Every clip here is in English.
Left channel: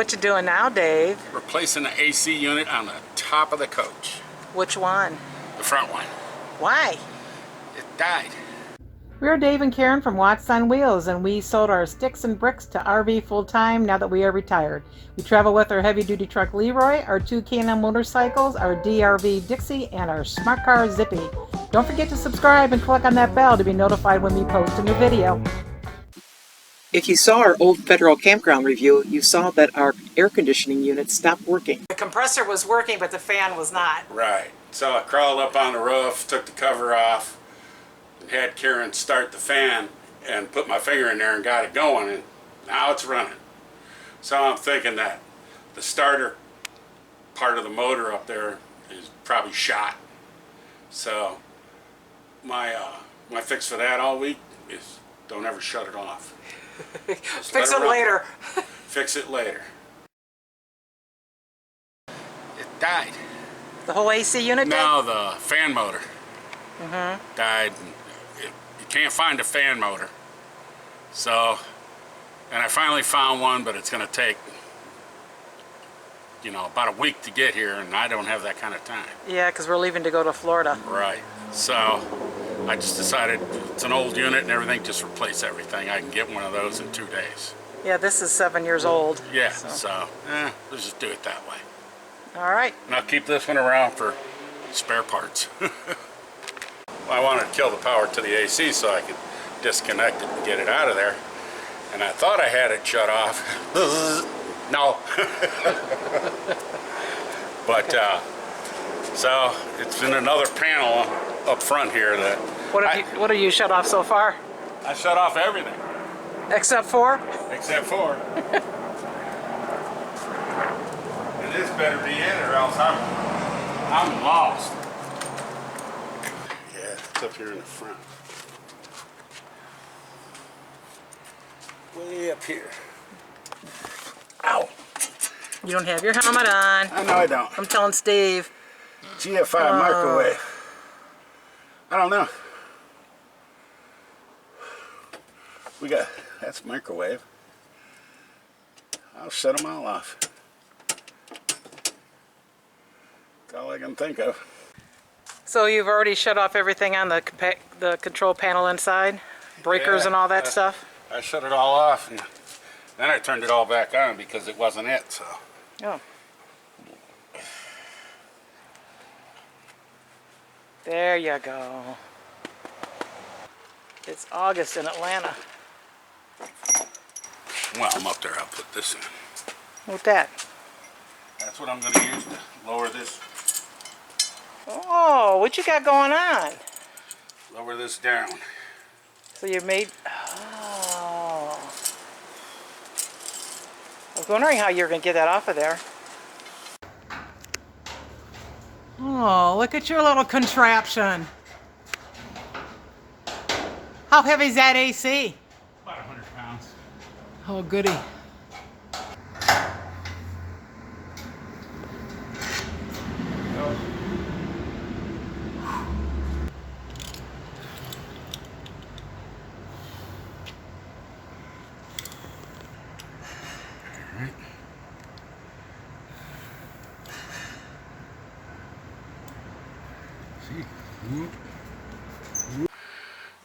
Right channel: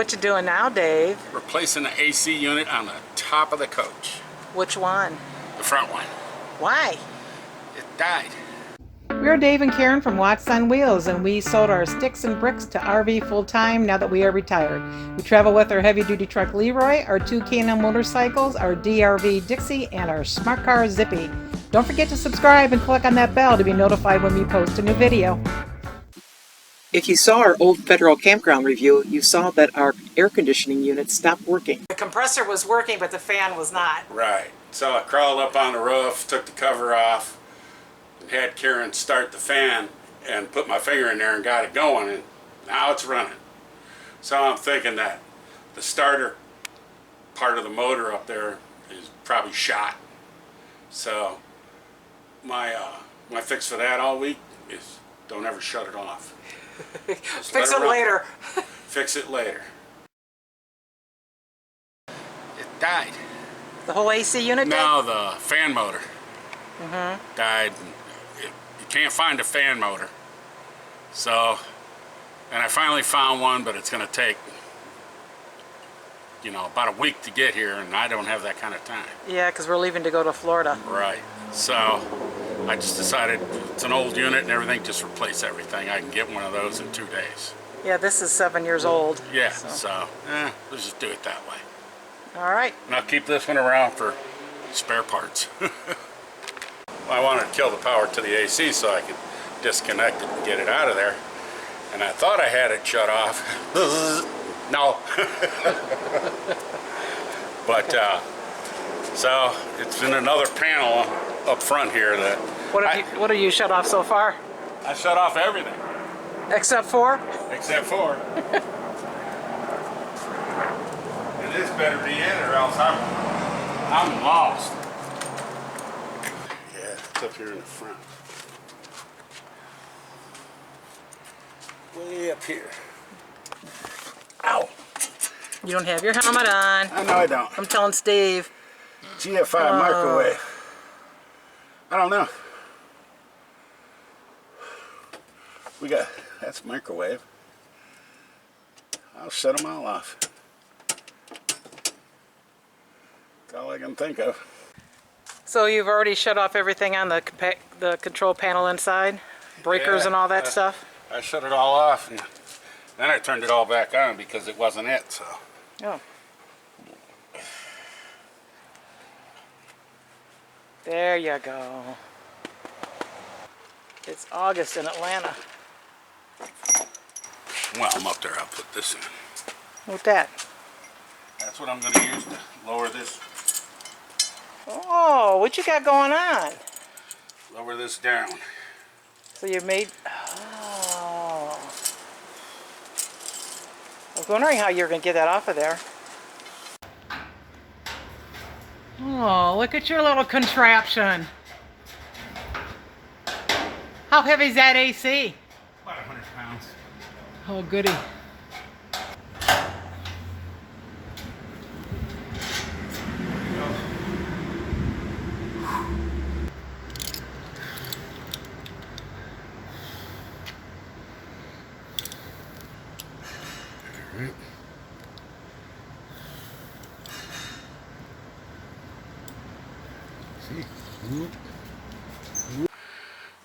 What you doing now, Dave? Replacing the AC unit on the top of the coach. Which one? The front one. Why? It died. We're Dave and Karen from Watts on Wheels, and we sold our sticks and bricks to RV full-time now that we are retired. We travel with our heavy-duty truck Leroy, our two K&N motorcycles, our DRV Dixie, and our smart car Zippy. Don't forget to subscribe and click on that bell to be notified when we post a new video. If you saw our old federal campground review, you saw that our air conditioning unit stopped working. The compressor was working, but the fan was not. Right. So I crawled up on the roof, took the cover off, and had Karen start the fan and put my finger in there and got it going, and now it's running. So I'm thinking that the starter part of the motor up there is probably shot. So my fix for that all week is don't ever shut it off. Fix it later. Fix it later. It died. The whole AC unit died? No, the fan motor died. You can't find a fan motor. So, and I finally found one, but it's going to take, you know, about a week to get here, and I don't have that kind of time. Yeah, because we're leaving to go to Florida. Right. So I just decided it's an old unit and everything, just replace everything. I can get one of those in 2 days. Yeah, this is 7 years old. Yeah, so let's just do it that way. All right. And I'll keep this one around for spare parts. I wanted to kill the power to the AC so I could disconnect it and get it out of there. And I thought I had it shut off. No. But so it's in another panel up front here that What have you shut off so far? I shut off everything. Except for? Except for. And this better be in or else I'm lost. Yeah, it's up here in the front. Way up here. Ow! You don't have your helmet on. I know I don't. I'm telling Steve. GFI microwave. I don't know. We got, that's microwave. I'll shut them all off. That's all I can think of. So you've already shut off everything on the control panel inside? Breakers and all that stuff? I shut it all off, and then I turned it all back on because it wasn't it, so. Oh. There you go. It's August in Atlanta. Well, I'm up there, I'll put this in. What's that? That's what I'm going to use to lower this. Oh, what you got going on? Lower this down. So you made... Oh. I was wondering how you were going to get that off of there. Oh, look at your little contraption. How heavy is that AC? About 100 pounds. Oh, goody.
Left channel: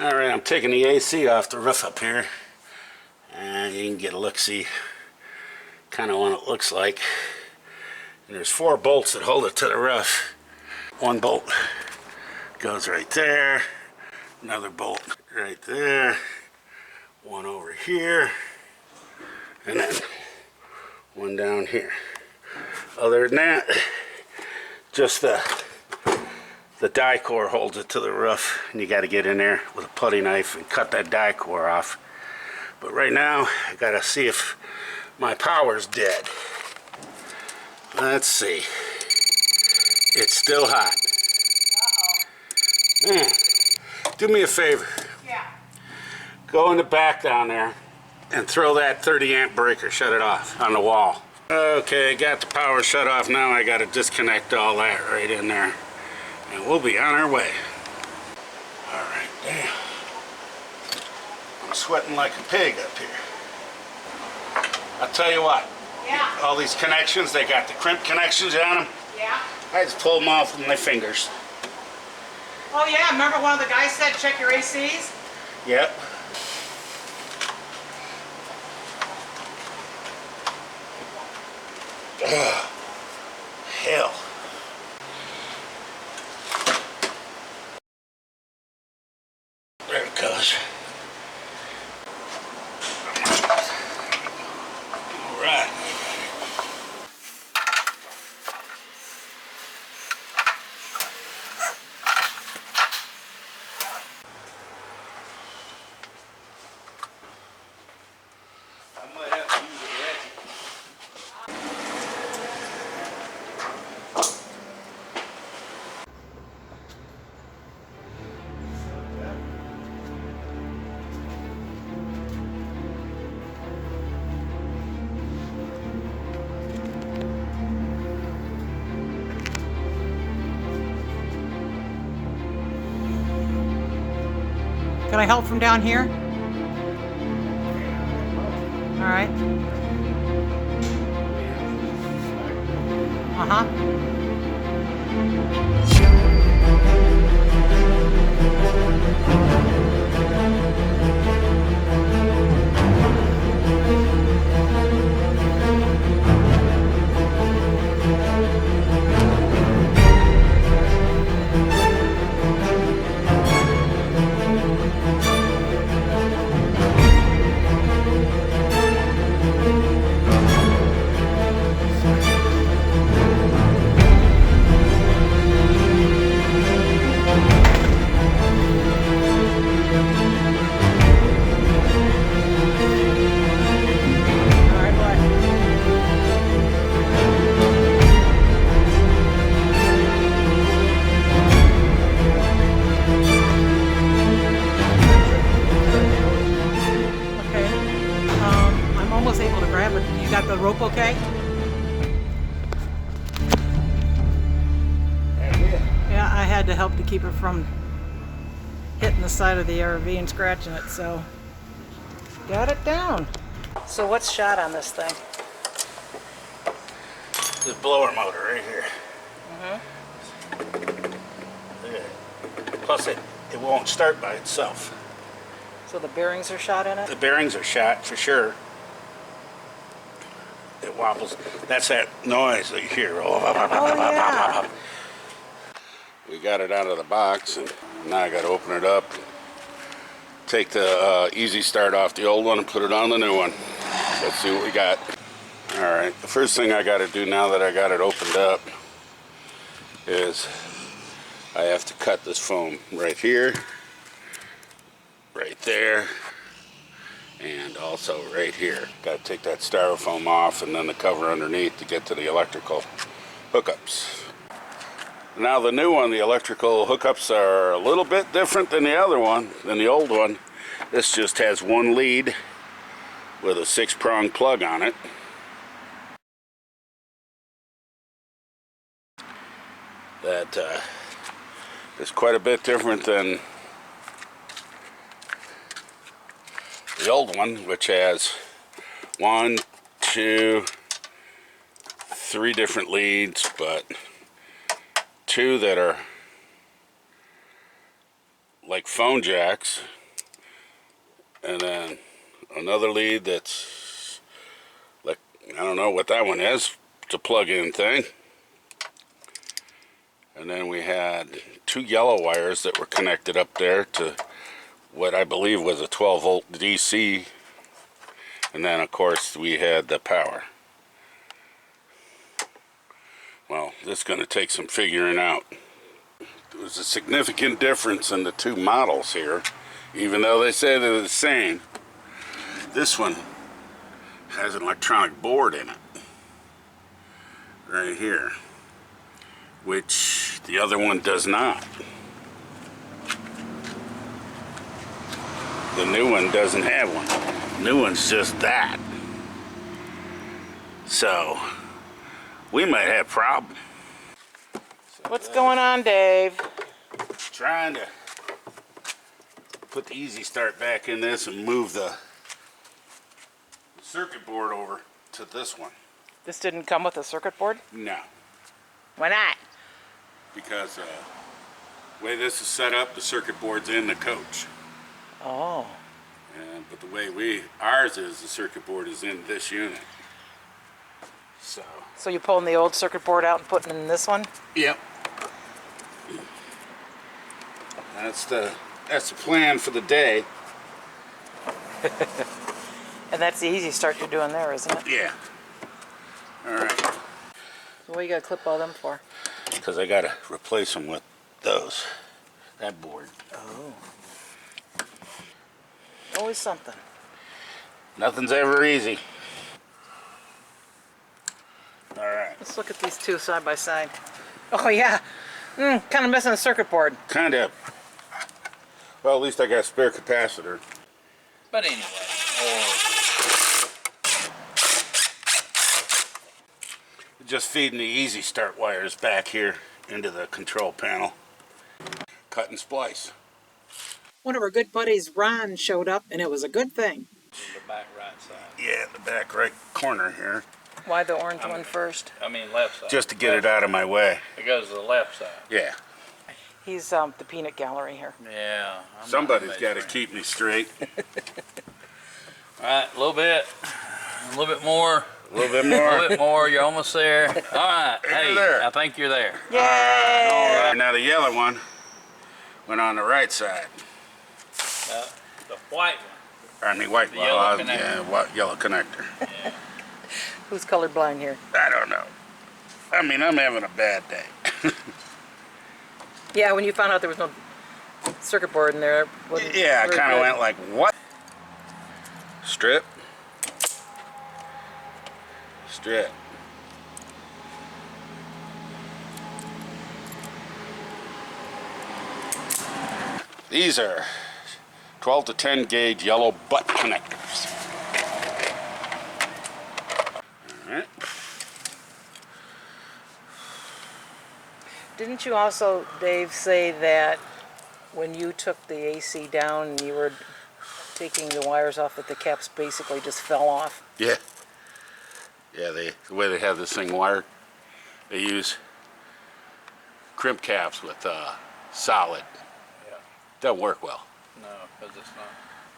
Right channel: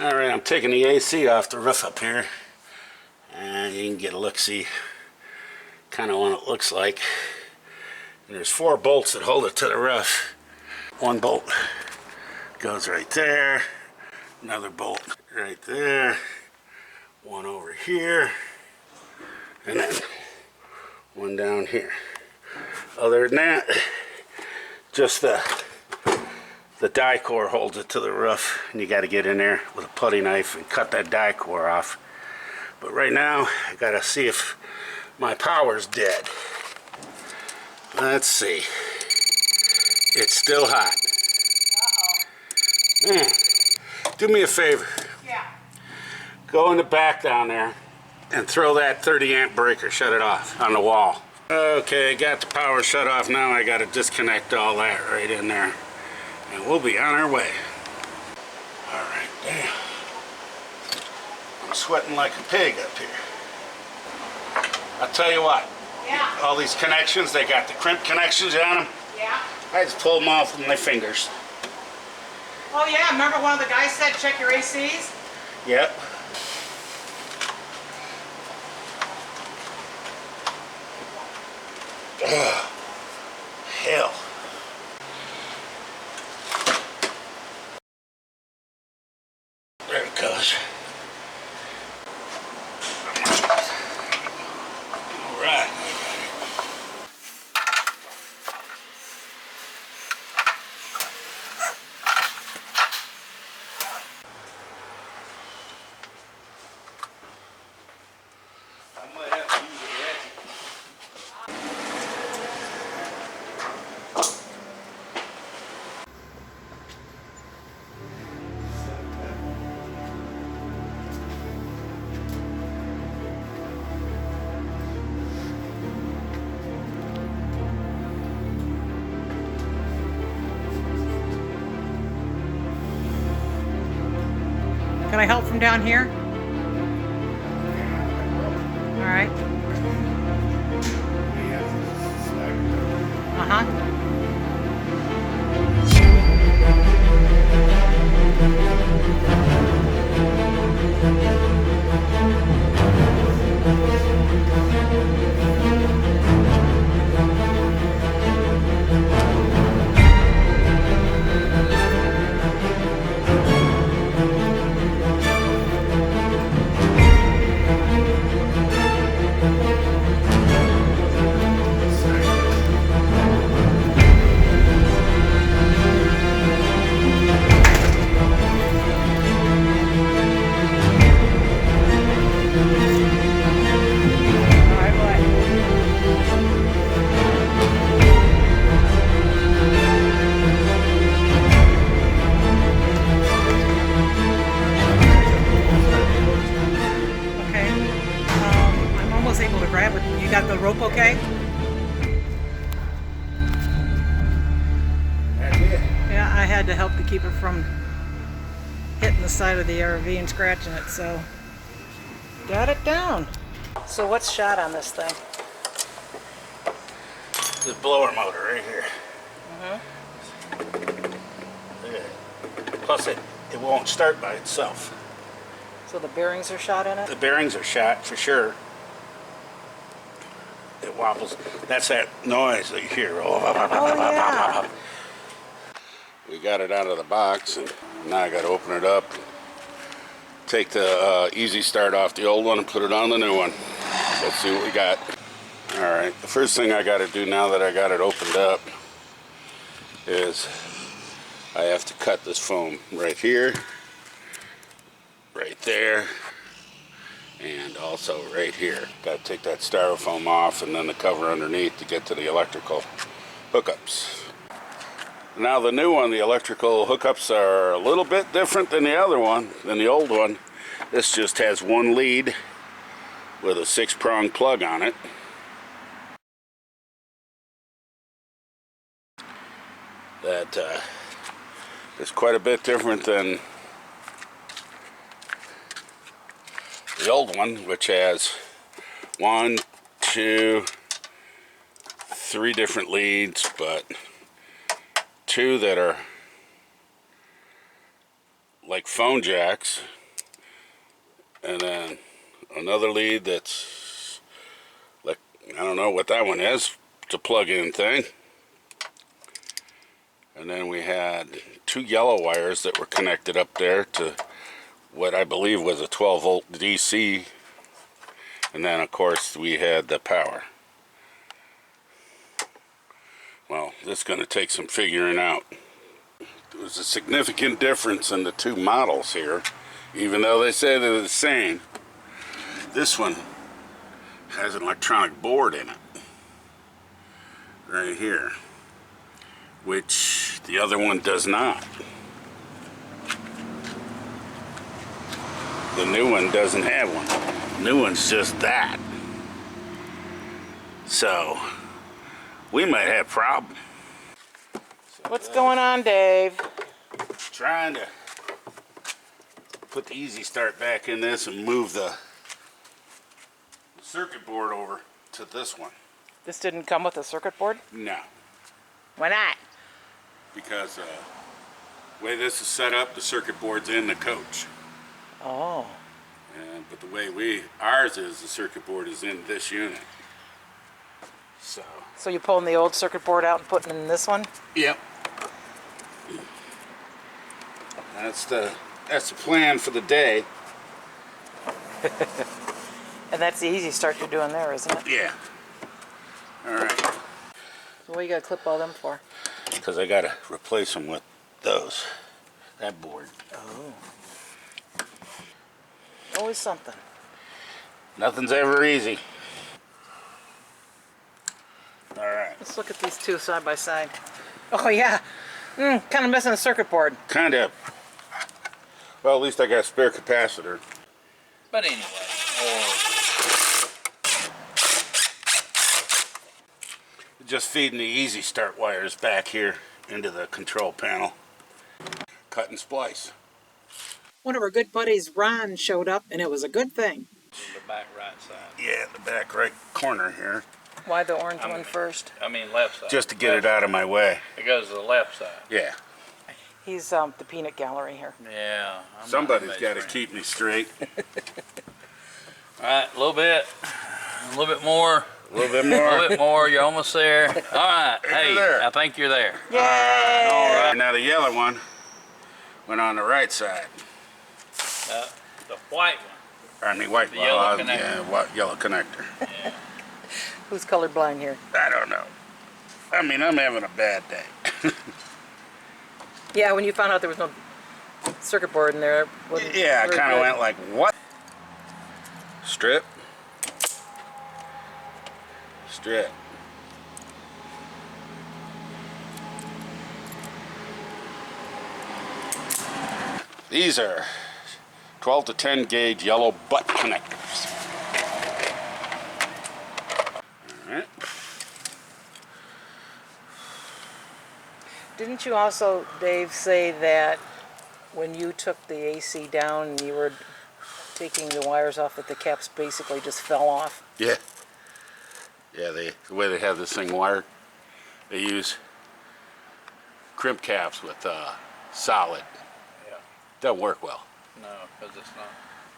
Alright, I'm taking the AC off the roof up here, and you can get a look-see kind of what it looks like. And there's 4 bolts that hold it to the roof. One bolt goes right there, another bolt right there, one over here, and then one down here. Other than that, just the die core holds it to the roof, and you got to get in there with a putty knife and cut that die core off. But right now I got to see if my power's dead. Let's see. It's still hot. Uh-oh. Man, do me a favor. Yeah. Go in the back down there and throw that 30 amp breaker, shut it off on the wall. Okay, got the power shut off now. I got to disconnect all that right in there. And we'll be on our way. All right, damn. I'm sweating like a pig up here. I'll tell you what. Yeah. All these connections, they got the crimp connections on them. Yeah. I just pull them off with my fingers. Oh yeah, remember one of the guys said check your ACs? Yep. Ugh. Hell. There it goes. All right. I might have to use a ratchet. Can I help from down here? All right. Uh-huh. Able to grab it. You got the rope okay? That's it. Yeah, I had to help to keep it from hitting the side of the RV and scratching it, so got it down. So what's shot on this thing? The blower motor right here. Yeah. Plus it won't start by itself. So the bearings are shot in it? The bearings are shot for sure. It wobbles. That's that noise that you hear. Oh yeah. We got it out of the box, and now I got to open it up. Take the easy start off the old one and put it on the new one. Let's see what we got. All right. The first thing I got to do now that I got it opened up is I have to cut this foam right here, right there, and also right here. Got to take that styrofoam off and then the cover underneath to get to the electrical hookups. Now the new one, the electrical hookups are a little bit different than the other one, than the old one. This just has one lead with a 6-prong plug on it. That is quite a bit different than the old one, which has 1, 2, 3 different leads, but 2 that are like phone jacks, and then another lead that's like, I don't know what that one is. It's a plug-in thing. And then we had 2 yellow wires that were connected up there to what I believe was a 12-volt DC. And then, of course, we had the power. Well, this is going to take some figuring out. There's a significant difference in the 2 models here, even though they say they're the same. This one has an electronic board in it, right here, which the other one does not. The new one doesn't have one. The new one's just that. So we might have a problem. What's going on, Dave? Trying to put the easy start back in this and move the circuit board over to this one. This didn't come with a circuit board? No, Why not? because the way this is set up, the circuit board's in the coach. Oh. But the way ours is, the circuit board is in this unit. So you're pulling the old circuit board out and putting it in this one? Yep. That's the plan for the day. And that's the easy start you're doing there, isn't it? Yeah. All right. So what you gotta clip all them for? Because I gotta replace them with those. That board. Oh. Always something. Nothing's ever easy. All right. Let's look at these two side by side. Oh yeah. Kind of missing the circuit board. Kind of. Well, at least I got a spare capacitor. But anyway, Just feeding the easy start wires back here into the control panel. Cut and splice. One of our good buddies, Ron, showed up, and it was a good thing. the back right side. Yeah, the back right corner here. Why the orange one first? I mean left side. Just to get it out of my way. It goes to the left side. Yeah. He's the peanut gallery here. Yeah. Somebody's got to keep me straight. All right, a little bit more. A little bit A more. little bit more. You're almost there. All right. Hey, there. I think you're there. Yay! All right. Now the yellow one went on the right side. The white one. I mean, white. The yellow connector. Yeah, yellow connector. Yeah. Who's colorblind here? I don't know. I mean, I'm having a bad day. Yeah, when you found out there was no circuit board in there. Yeah, I kind of went like, what? Strip. Strip. These are 12 to 10 gauge yellow butt connectors. All right. Didn't you also, Dave, say that when you took the AC down and you were taking the wires off that the caps basically just fell off? Yeah. Yeah, the way they have this thing wired, they use crimp caps with solid. Yeah. Doesn't work well. No, because it's not.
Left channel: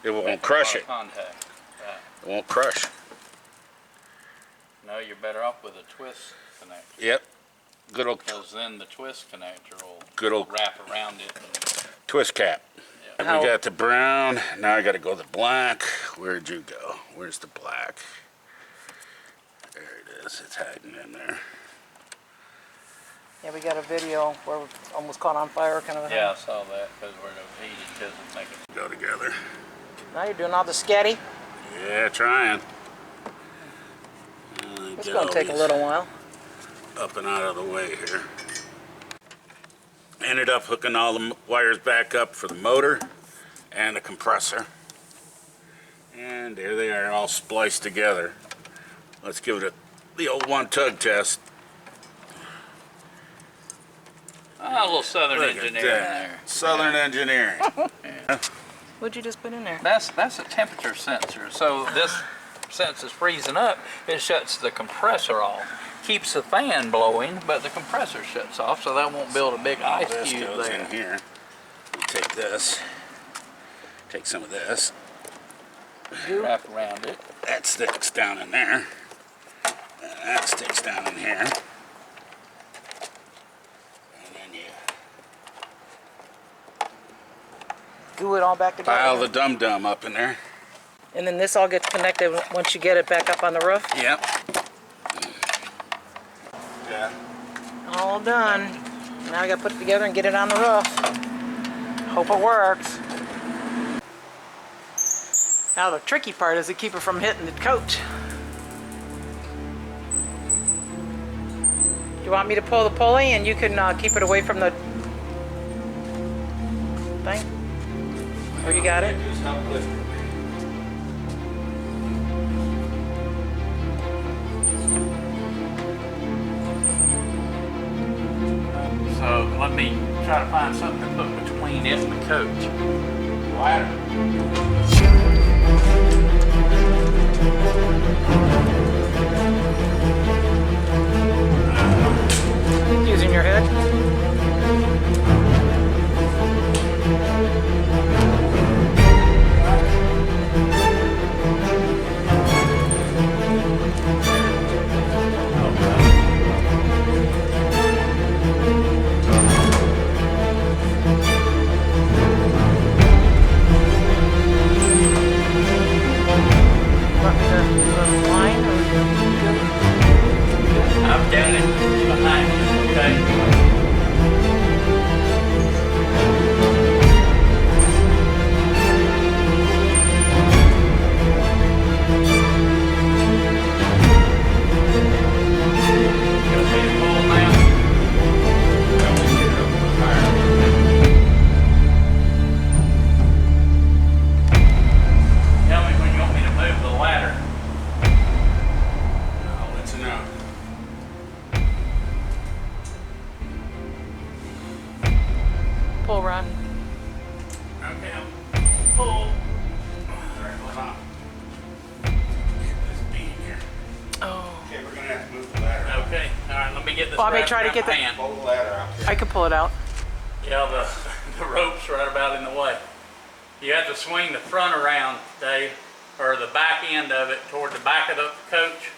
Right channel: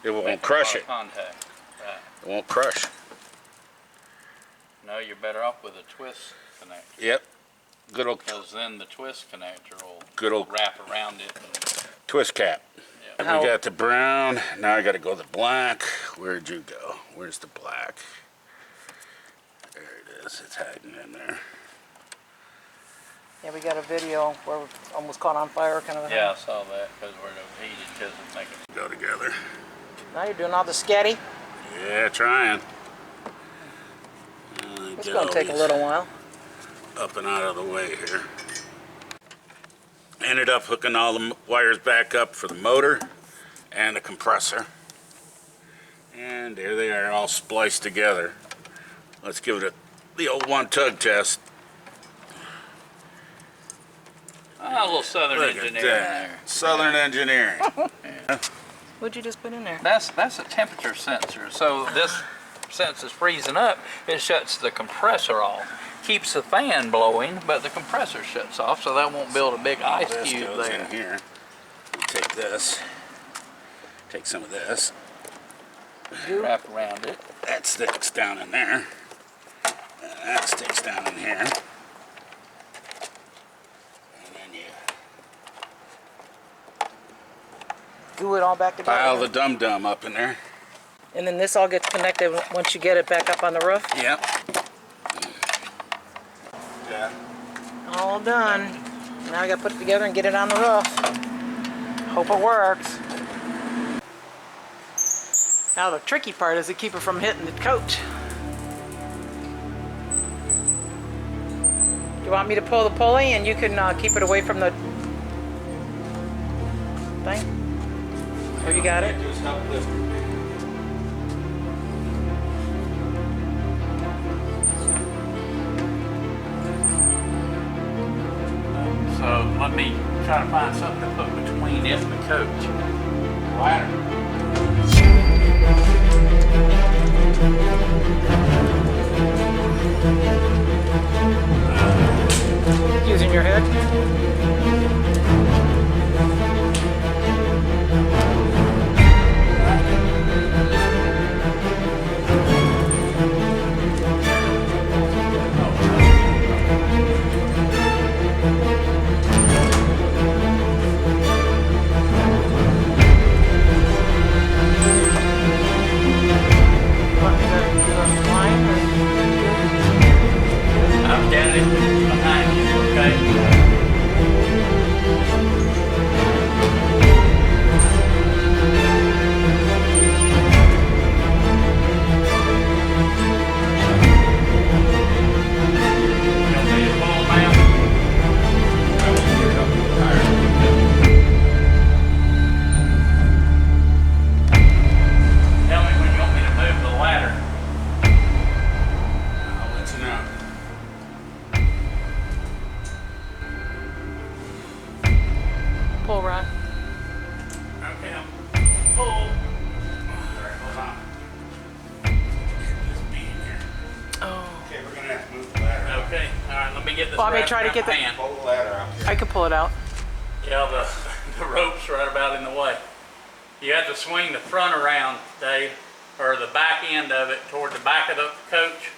It won't making crush a it. lot of contact. Right. It won't crush. No, you're better off with a twist connector. Yep. Good old Because then the twist connector will Good old- wrap around it. And, twist cap. yeah. We got the brown. Now I got to go the black. Where'd you go? Where's the black? There it is. It's hiding in there. Yeah, we got a video where we almost caught on fire kind of a thing. Yeah, I saw that because we're overheated because it's making. Go together. Now you're doing all the scatty. Yeah, trying. It's Get going all to take a these little while. up and out of the way here. Ended up hooking all the wires back up for the motor and the compressor. And there they are, all spliced together. Let's give it the old one tug test. Oh, a little southern Look at engineering that. there. Southern engineering. What'd you just put in there? That's a temperature sensor. So this, since it's freezing up, it shuts the compressor off. Keeps the fan blowing, but the compressor shuts off, so that won't build a big ice This cube goes there. in here. We take this. Take some of this. Wrap around it. That sticks down in there. And that sticks down in here. And then you Glue it all back together. pile the dum-dum up in there. And then this all gets connected once you get it back up on the roof? Yep. Yeah. All done. Now I got to put it together and get it on the roof. Hope it works. Now the tricky part is to keep it from hitting the coach. Do you want me to pull the pulley and you can keep it away from the thing? Or you got it? Just help lift it. So let me try to find something to put between it and the coach. Ladder. pull, Ron. Okay, I'll pull. All right, hold on. This beam here. Oh. Okay, we're gonna have to move the ladder out. Okay, all right, let me get this Bobby, wrapped try to around get my the- hand. Pull the ladder out. I could pull it out. Yeah, the rope's right about in the way. You have to swing the front around, Dave, or the back end of it toward the back of the coach.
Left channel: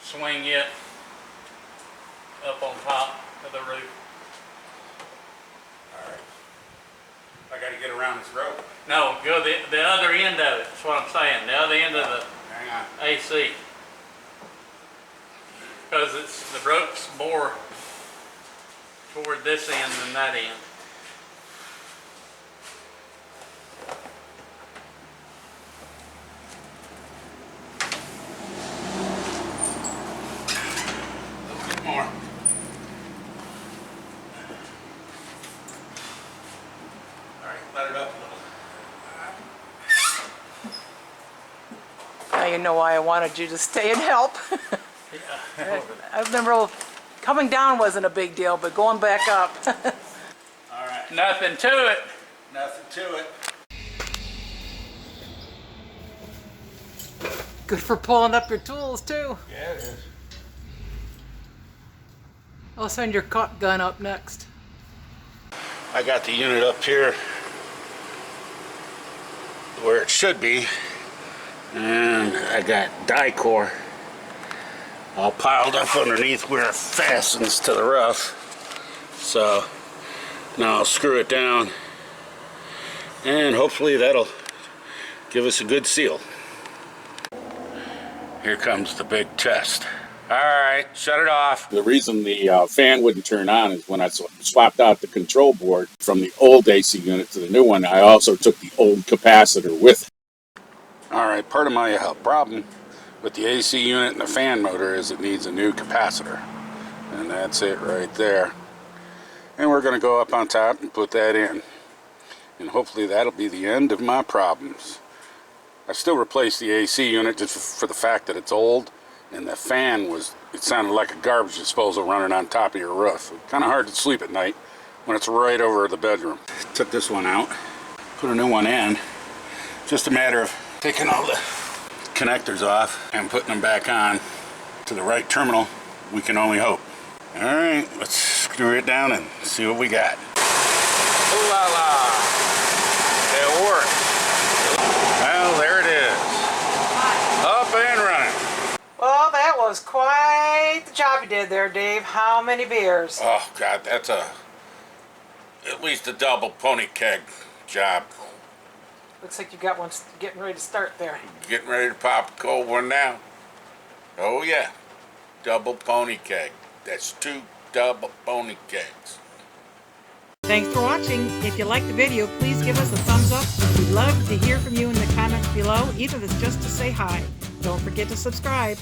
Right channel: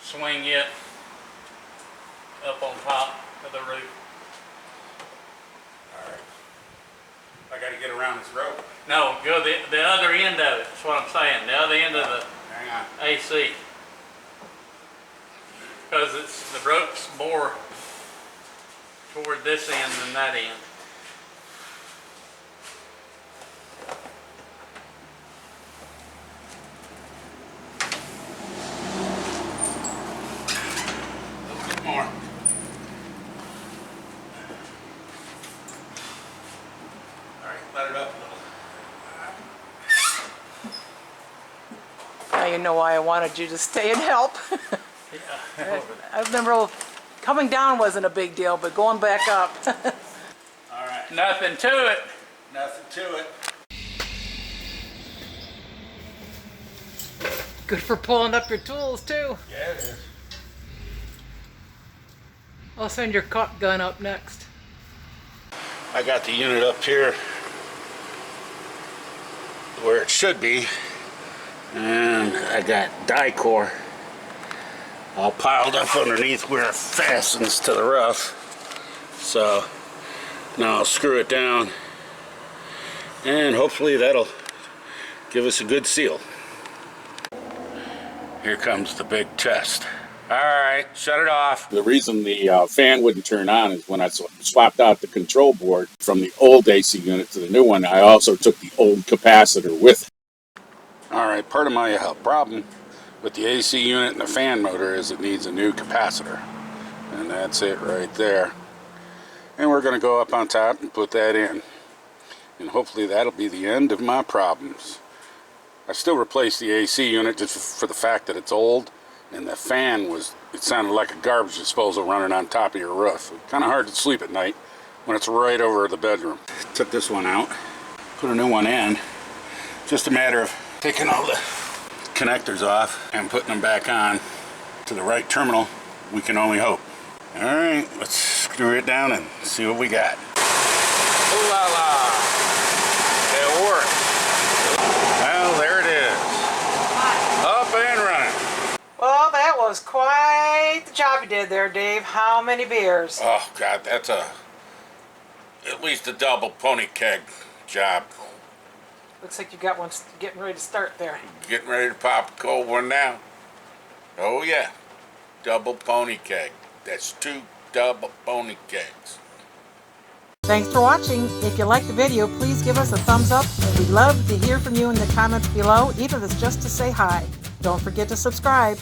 Swing it up on top of the roof. All right. I gotta get around this rope. No, go the other end of it. That's what I'm saying. The other end of the Hang on. AC. Because the rope's more toward this end than that end. A little bit more. All right, let it up a little. Now you know why I wanted you to stay and help. Yeah. I remember coming down wasn't a big deal, but going back up. All right. Nothing to it. Nothing to it. Good for pulling up your tools too. Yeah, it is. I'll send your caulk gun up next. I got the unit up here where it should be, and I got die-core all piled up underneath where it fastens to the roof. So now I'll screw it down, and hopefully that'll give us a good seal. Here comes the big test. All right, shut it off. The reason the fan wouldn't turn on is when I swapped out the control board from the old AC unit to the new one, I also took the old capacitor with it. All right, part of my problem with the AC unit and the fan motor is it needs a new capacitor. And that's it right there. And we're going to go up on top and put that in. And hopefully that'll be the end of my problems. I still replaced the AC unit just for the fact that it's old. And the fan it sounded like a garbage disposal running on top of your roof. Kind of hard to sleep at night when it's right over the bedroom. Took this one out, put a new one in. Just a matter of taking all the connectors off and putting them back on to the right terminal. We can only hope. All right, let's screw it down and see what we got. Ooh la la, it worked. Well, there it is, up and running. Well, that was quite the job you did there, Dave. How many beers? Oh God, that's at least a double pony keg job. Looks like you got one getting ready to start there. Getting ready to pop a cold one now. Oh yeah, double pony keg. That's 2 double pony kegs. Thanks for watching. If you liked the video, please give us a thumbs up. We'd love to hear from you in the comments below, even if it's just to say hi. Don't forget to subscribe.